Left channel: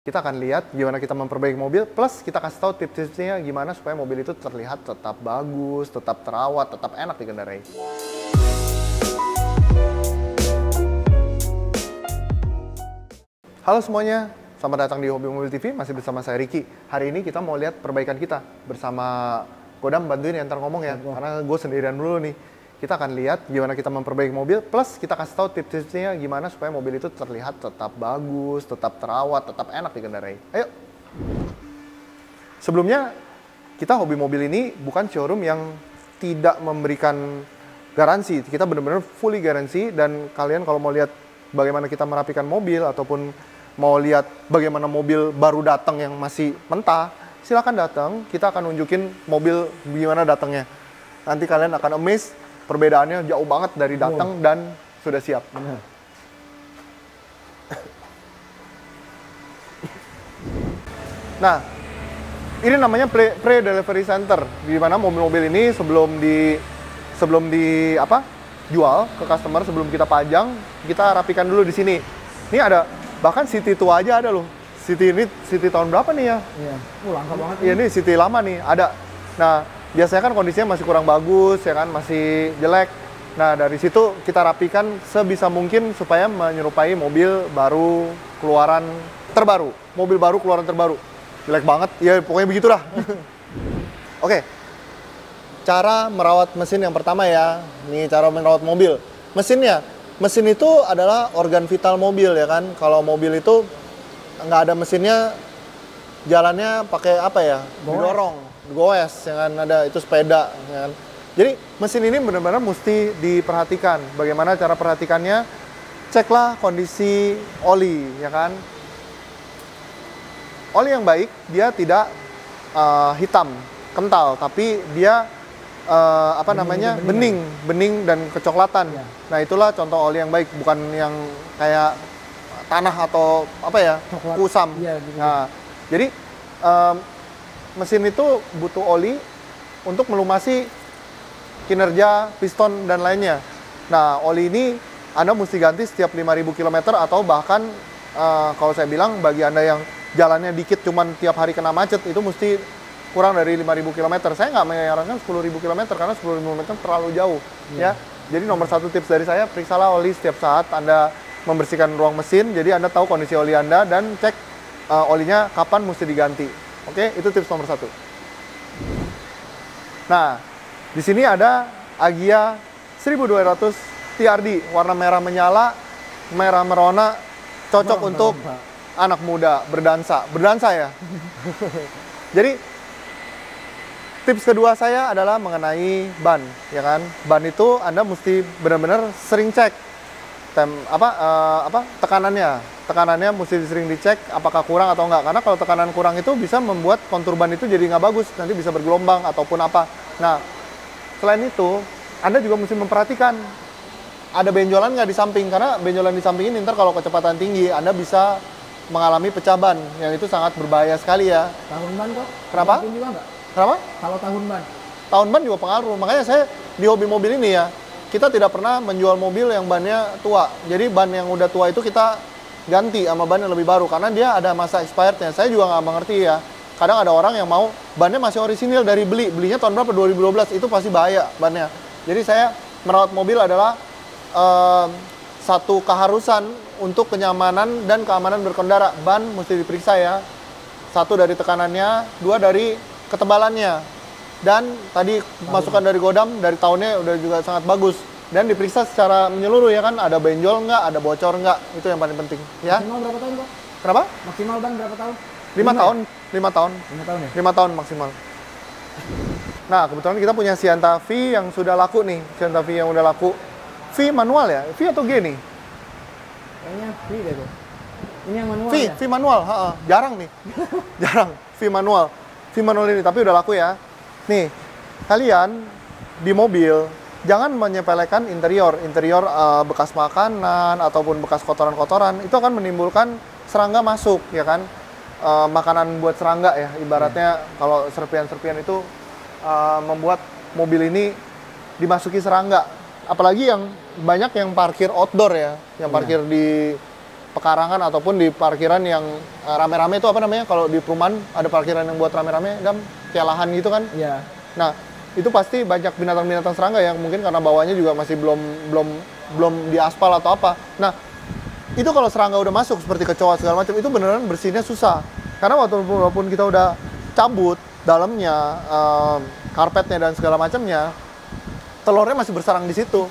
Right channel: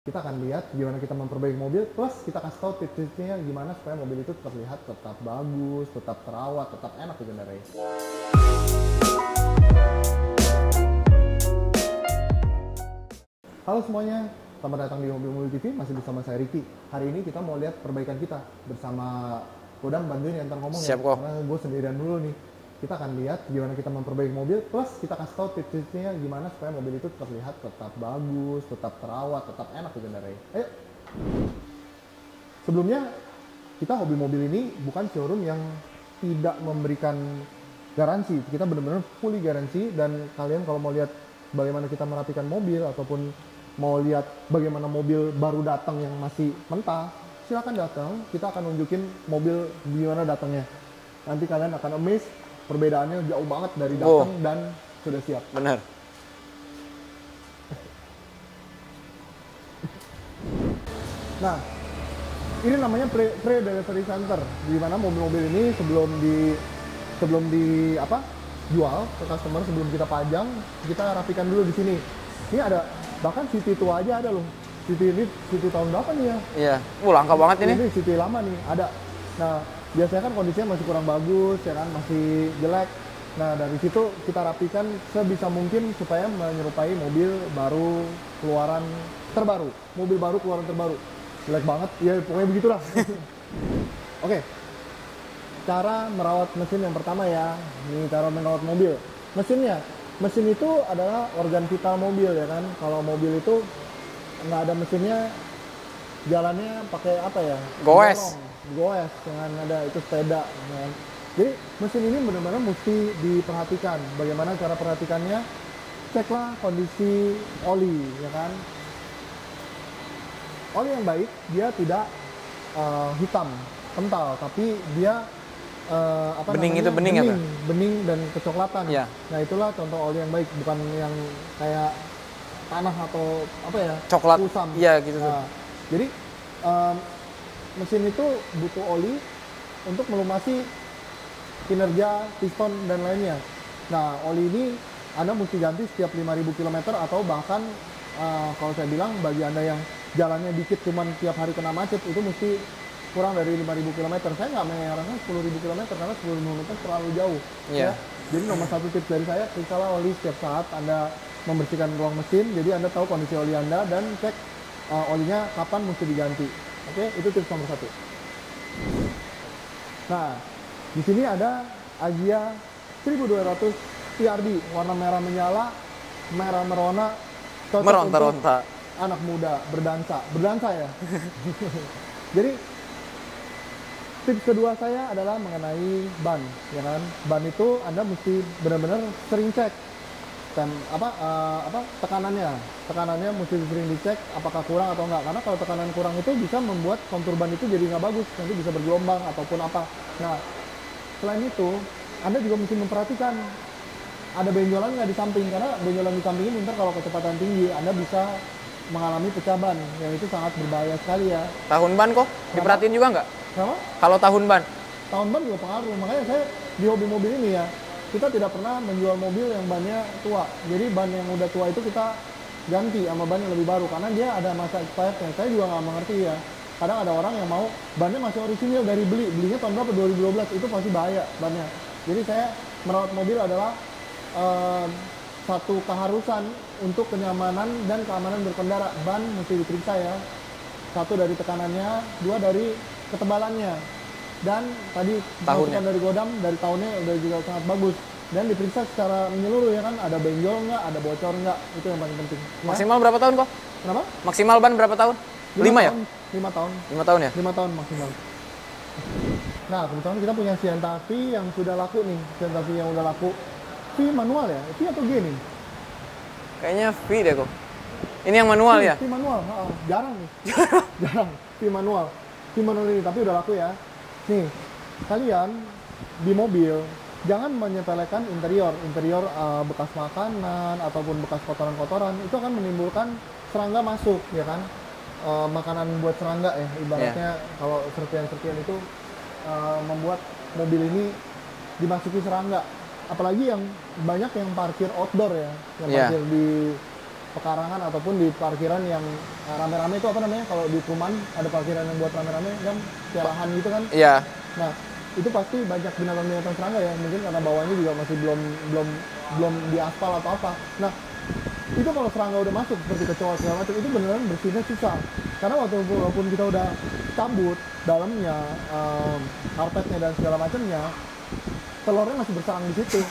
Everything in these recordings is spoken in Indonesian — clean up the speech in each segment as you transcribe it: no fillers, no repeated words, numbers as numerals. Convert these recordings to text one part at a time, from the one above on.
Kita akan lihat gimana kita memperbaiki mobil, plus kita kasih tahu tips-tipsnya gimana supaya mobil itu terlihat tetap bagus, tetap terawat, tetap enak dikendarai. Halo semuanya, selamat datang di Hobi Mobil TV, masih bersama saya Ricky. Hari ini kita mau lihat perbaikan kita bersama Godam, bantuin ya ntar ngomong ya, karena gue sendirian dulu nih. Kita akan lihat gimana kita memperbaiki mobil, plus kita kasih tahu tips-tipsnya gimana supaya mobil itu terlihat tetap bagus, tetap terawat, tetap enak dikendarai. Ayo! Sebelumnya, kita Hobi Mobil ini bukan showroom yang tidak memberikan garansi. Kita benar-benar fully garansi, dan kalian kalau mau lihat bagaimana kita merapikan mobil, ataupun mau lihat bagaimana mobil baru datang yang masih mentah, silakan datang, kita akan nunjukin mobil gimana datangnya. Nanti kalian akan amazed, perbedaannya jauh banget dari datang dan sudah siap. Benar. Nah, ini namanya pre-delivery center, di mana mobil-mobil ini sebelum jual ke customer, sebelum kita pajang, kita rapikan dulu di sini. Ini ada, bahkan City tua aja ada loh. City ini City tahun berapa nih ya? Iya. Langka banget ini. Ini City lama nih, ada. Nah, biasanya kan kondisinya masih kurang bagus, ya kan, masih jelek. Nah, dari situ kita rapikan sebisa mungkin supaya menyerupai mobil baru keluaran terbaru. Mobil baru keluaran terbaru. Jelek banget, ya pokoknya begitulah. Oke. Cara merawat mesin yang pertama ya. Nih cara merawat mobil. Mesinnya. Mesin itu adalah organ vital mobil, ya kan. Kalau mobil itu nggak ada mesinnya, jalannya pakai apa ya? Goes, yang ada itu sepeda, ya kan? Jadi mesin ini benar-benar mesti diperhatikan. Bagaimana cara perhatikannya? Ceklah kondisi oli, ya kan? Oli yang baik dia tidak hitam, kental, tapi dia bening dan kecoklatan. Ya. Nah, itulah contoh oli yang baik, bukan yang kayak tanah atau coklat kusam. Iya, gitu. Nah, jadi mesin itu butuh oli untuk melumasi kinerja piston dan lainnya. Nah, oli ini Anda mesti ganti setiap 5.000 km, atau bahkan kalau saya bilang bagi Anda yang jalannya dikit cuman tiap hari kena macet, itu mesti kurang dari 5.000 km. Saya nggak menyarankan 10.000 km karena 10.000 km terlalu jauh. Ya. Jadi nomor satu tips dari saya, periksalah oli setiap saat Anda membersihkan ruang mesin, jadi Anda tahu kondisi oli Anda dan cek olinya kapan mesti diganti. Oke, itu tips nomor satu. Nah, di sini ada Agya 1200 TRD, warna merah menyala, merah merona, cocok untuk anak muda berdansa ya. Jadi tips kedua saya adalah mengenai ban, ya kan. Ban itu Anda mesti benar-benar sering cek tekanannya mesti sering dicek apakah kurang atau enggak, karena kalau tekanan kurang itu bisa membuat kontur ban itu jadi nggak bagus, nanti bisa bergelombang ataupun apa. Nah, selain itu Anda juga mesti memperhatikan ada benjolan nggak di samping, karena benjolan di samping ini ntar kalau kecepatan tinggi Anda bisa mengalami pecah ban, yang itu sangat berbahaya sekali ya. Tahun ban kok? Perhatiin juga nggak? Kenapa? Kalau tahun ban? Tahun ban juga pengaruh, makanya saya di hobi mobil ini ya, kita tidak pernah menjual mobil yang bannya tua. Jadi ban yang udah tua itu kita ganti sama ban yang lebih baru, karena dia ada masa expirednya. Saya juga nggak mengerti ya. Kadang ada orang yang mau bannya masih orisinil dari belinya tahun berapa? 2012, itu pasti bahaya bannya. Jadi saya merawat mobil adalah satu keharusan untuk kenyamanan dan keamanan berkendara. Ban mesti diperiksa ya. Satu dari tekanannya, dua dari ketebalannya. Dan tadi masukan dari Godam, dari tahunnya udah juga sangat bagus. Dan diperiksa secara menyeluruh ya kan, ada benjol nggak, ada bocor nggak, itu yang paling penting. Ya? Maksimal berapa tahun, Pak? Kenapa? Maksimal ban berapa tahun? 5 tahun. Ya? 5 tahun. 5 tahun ya? 5 tahun maksimal. Nah, kebetulan kita punya Sienta V yang sudah laku nih. Sienta V yang udah laku. V manual ya? V atau G nih? Kayaknya V deh kok. Ini yang manual ya? V manual, jarang nih. Jarang, V manual. V manual ini, tapi udah laku ya. Nih, kalian di mobil jangan menyepelekan interior bekas makanan ataupun bekas kotoran-kotoran, itu akan menimbulkan serangga masuk, ya kan. Makanan buat serangga ya, ibaratnya kalau serpian-serpian itu membuat mobil ini dimasuki serangga. Apalagi yang banyak yang parkir outdoor ya, yang parkir di pekarangan ataupun di parkiran yang rame-rame itu apa namanya? Kalau di perumahan ada parkiran yang buat rame-rame, kayak lahan gitu kan? Iya. Nah, itu pasti banyak binatang-binatang serangga yang mungkin karena bawahnya juga masih belum diaspal atau apa. Nah, itu kalau serangga udah masuk seperti kecoa segala macam itu beneran bersihnya susah. Karena walaupun kita udah cabut dalamnya, karpetnya dan segala macamnya, telurnya masih bersarang di situ.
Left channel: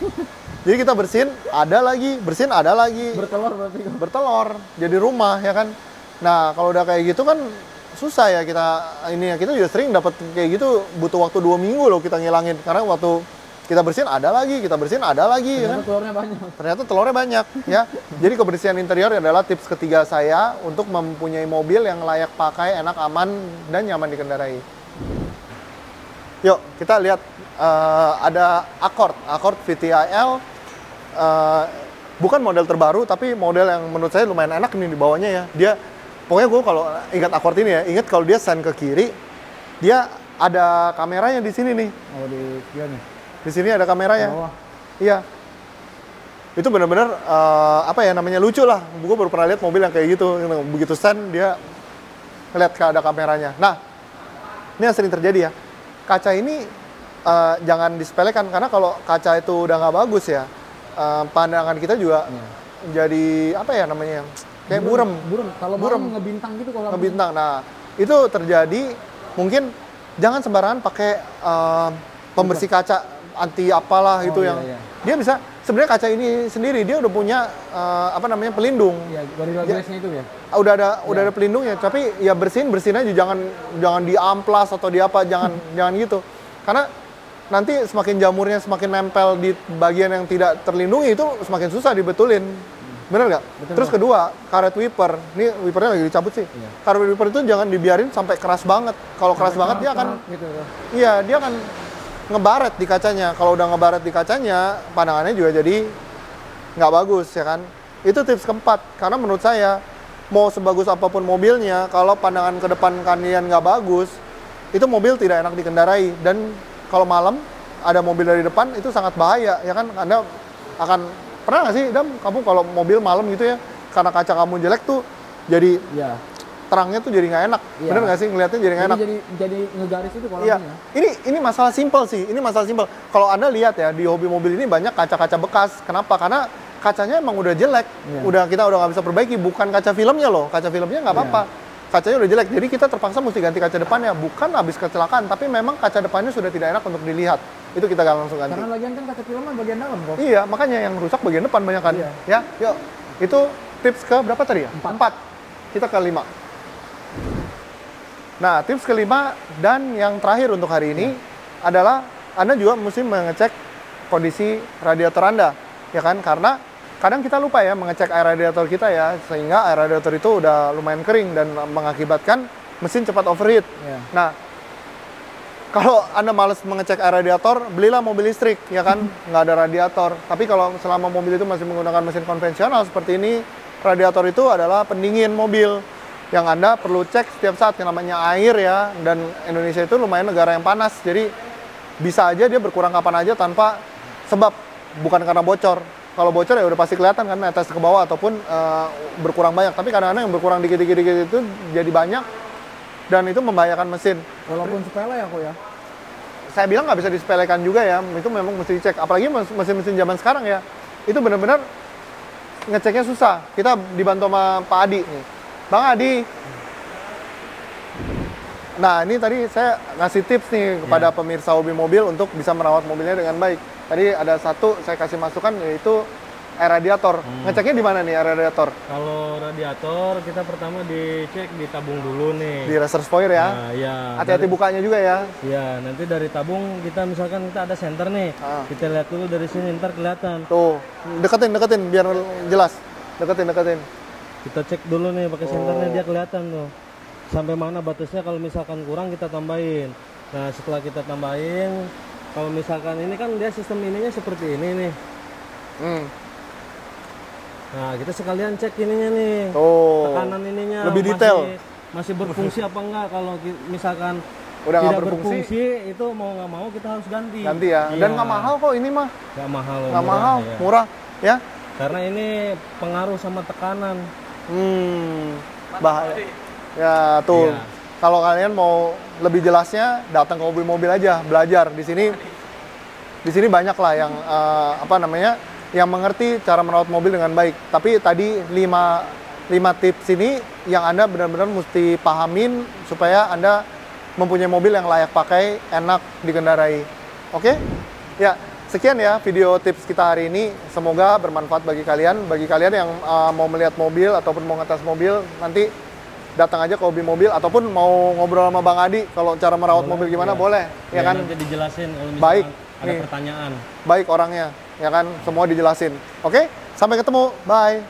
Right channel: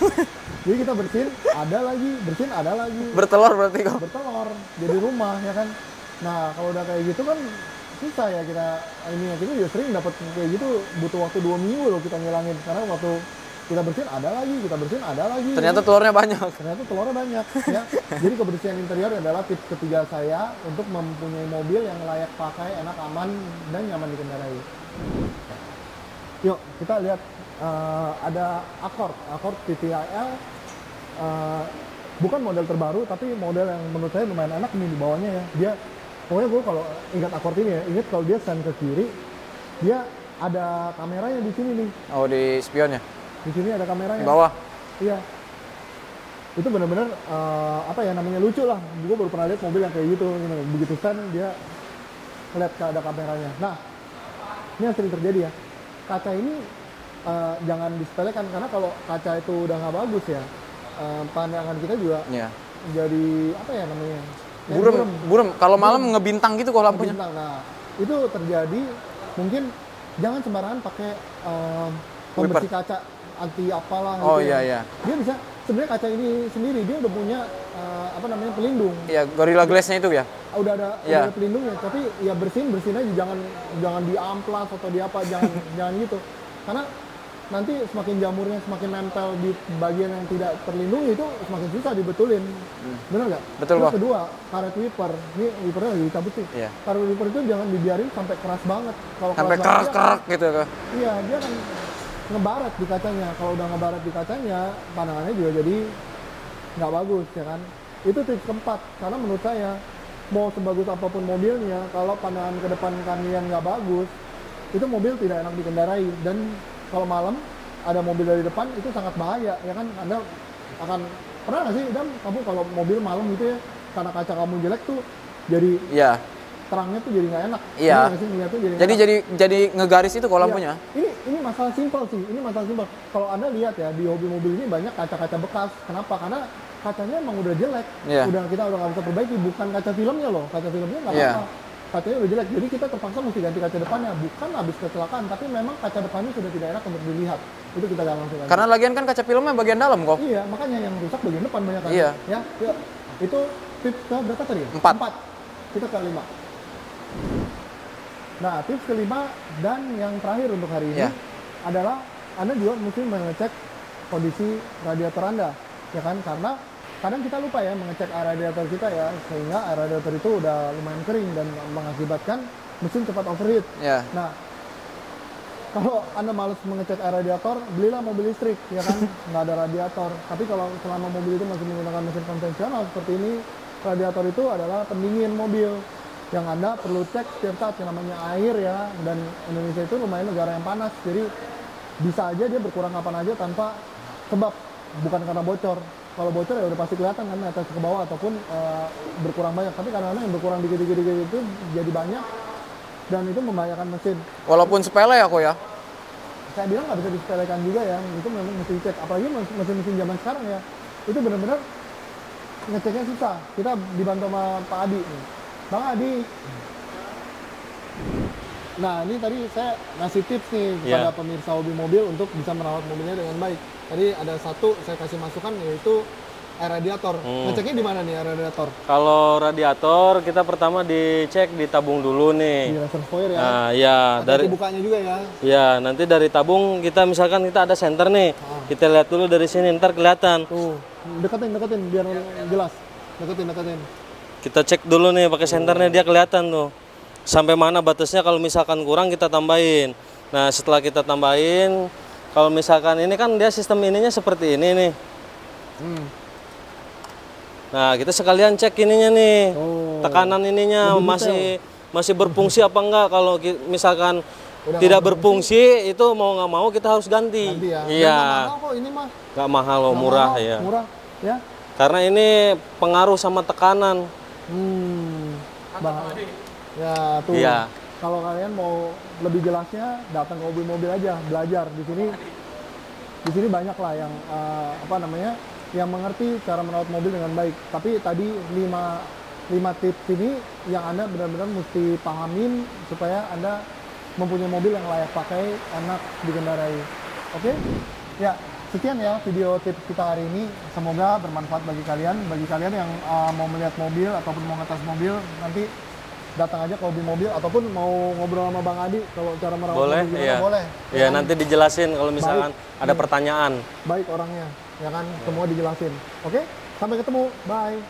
Jadi kita bersihin ada lagi, bersihin ada lagi. Bertelur berarti kok. Bertelur, jadi rumah ya kan. Nah, kalau udah kayak gitu kan susah ya kita juga sering dapat kayak gitu, butuh waktu 2 minggu loh kita ngilangin. Karena waktu kita bersihin ada lagi, kita bersihin ada lagi. Ternyata ya. telurnya banyak. Ternyata telurnya banyak ya. Jadi kebersihan interior adalah tips ketiga saya untuk mempunyai mobil yang layak pakai, enak, aman, dan nyaman dikendarai. Yuk, kita lihat ada Accord VTIL. Bukan model terbaru, tapi model yang menurut saya lumayan enak nih di bawahnya ya. Dia, pokoknya gue kalau ingat Accord ini ya, ingat kalau dia stand ke kiri, dia ada kameranya di sini nih. Oh, di spionnya. Di sini ada kameranya. Di bawah. Iya. Itu benar-benar apa ya namanya, lucu lah. Gue baru pernah lihat mobil yang kayak gitu. Begitu stand dia ngeliat ada kameranya. Nah, ini yang sering terjadi ya. Kaca ini jangan disepelekan karena kalau kaca itu udah nggak bagus ya, pandangan kita juga jadi apa ya namanya, kayak buram. Kalau malam ngebintang gitu kalau lampunya. Ngebintang. Nah, itu terjadi mungkin jangan sembarangan pakai pembersih kaca anti apalah gitu ya. Iya. Dia bisa sebenarnya kaca ini sendiri dia udah punya apa namanya pelindung. Iya, Gorilla Glass-nya itu ya. Udah ada pelindungnya, tapi ya bersihin aja, jangan diamplas atau di apa, jangan gitu. Karena nanti semakin jamurnya semakin nempel di bagian yang tidak terlindungi itu semakin susah dibetulin. Bener nggak? Betul. Terus kedua, karet wiper. Ini wipernya lagi dicabut sih. Iya. Karet wiper itu jangan dibiarin sampai keras banget. Kalau keras banget dia akan gitu kan. Iya, dia akan ngebaret di kacanya. Kalau udah ngebaret di kacanya, pandangannya juga jadi nggak bagus ya kan. Itu tips keempat. Karena menurut saya, mau sebagus apapun mobilnya, kalau pandangan ke depan kalian nggak bagus, itu mobil tidak enak dikendarai. Dan kalau malam ada mobil dari depan itu sangat bahaya ya kan. Anda akan pernah nggak sih kamu kalau mobil malam gitu ya, karena kaca kamu jelek tuh jadi terangnya tuh jadi nggak enak. Iya. Bener nggak sih ngeliatnya jadi nggak enak. Jadi ngegaris itu kalau lampunya. Ini masalah simpel sih. Ini masalah simpel. Kalau Anda lihat ya di hobi mobil ini banyak kaca-kaca bekas. Kenapa? Karena kacanya emang udah jelek. Kita udah nggak bisa perbaiki. Bukan kaca filmnya loh. Kaca filmnya nggak apa-apa. Kacanya udah jelek. Jadi kita terpaksa mesti ganti kaca depannya. Bukan habis kecelakaan, tapi memang kaca depannya sudah tidak enak untuk dilihat. Itu kita langsung ganti. Karena lagian kan kaca filmnya bagian dalam kok. Iya, makanya yang rusak bagian depan banyak kan. Iya. Ya, yuk. Itu tips ke berapa tadi ya? 4. Kita ke 5. Nah, tips kelima dan yang terakhir untuk hari ini adalah Anda juga mesti mengecek kondisi radiator Anda, ya kan? Karena kadang kita lupa ya mengecek air radiator kita ya, sehingga air radiator itu udah lumayan kering dan mengakibatkan mesin cepat overheat. Nah, kalau Anda males mengecek air radiator, belilah mobil listrik, ya kan? Nggak ada radiator. Tapi kalau selama mobil itu masih menggunakan mesin konvensional seperti ini, radiator itu adalah pendingin mobil yang Anda perlu cek setiap saat. Yang namanya air ya, dan Indonesia itu lumayan negara yang panas, jadi bisa aja dia berkurang kapan aja tanpa sebab, bukan karena bocor. Kalau bocor ya udah pasti kelihatan kan, netes ke bawah ataupun berkurang banyak. Tapi kadang-kadang yang berkurang dikit-dikit itu jadi banyak dan itu membahayakan mesin. Walaupun sepele ya kok ya. Saya bilang nggak bisa disepelekan juga ya, itu memang mesti dicek. Apalagi mesin-mesin zaman sekarang ya, itu benar-benar ngeceknya susah. Kita dibantu sama Pak Adi nih. Bang Adi. Nah, ini tadi saya ngasih tips nih kepada pemirsa hobi mobil untuk bisa merawat mobilnya dengan baik. Tadi ada satu saya kasih masukan, yaitu air radiator. Ngeceknya di mana nih air radiator? Kalau radiator kita pertama dicek di tabung dulu nih. Di reservoir ya. Nah, ya. Hati-hati bukanya juga ya. Ya, nanti dari tabung kita misalkan kita ada senter nih. Kita lihat dulu dari sini, ntar kelihatan. Tuh, deketin biar jelas. Deketin. Kita cek dulu nih pakai senternya, dia kelihatan tuh. Sampai mana batasnya, kalau misalkan kurang kita tambahin. Nah, setelah kita tambahin, kalau misalkan ini kan dia sistem ininya seperti ini nih. Nah, kita sekalian cek ininya nih. Tekanan ininya masih berfungsi apa enggak. Kalau misalkan udah tidak berfungsi, itu mau nggak mau kita harus ganti. Ganti ya. Iya. Dan nggak mahal kok ini mah. Nggak mahal loh, murah ya. Murah ya. Karena ini pengaruh sama tekanan. Bahaya. Ya tuh. Iya. Kalau kalian mau lebih jelasnya, datang ke Hobi Mobil aja, belajar di sini. Di sini banyak lah yang yang mengerti cara merawat mobil dengan baik. Tapi tadi 5 tips ini yang Anda benar-benar mesti pahamin supaya Anda mempunyai mobil yang layak pakai, enak dikendarai. Oke? Ya, sekian ya video tips kita hari ini. Semoga bermanfaat bagi kalian. Bagi kalian yang mau melihat mobil ataupun mau ngetes mobil, nanti datang aja ke Hobi Mobil ataupun mau ngobrol sama Bang Adi kalau cara merawat mobil gimana iya. boleh. Ya, kan? Nanti dijelasin kalau misalkan ada pertanyaan. Baik orangnya, ya kan? Semua dijelasin. Oke? Sampai ketemu. Bye.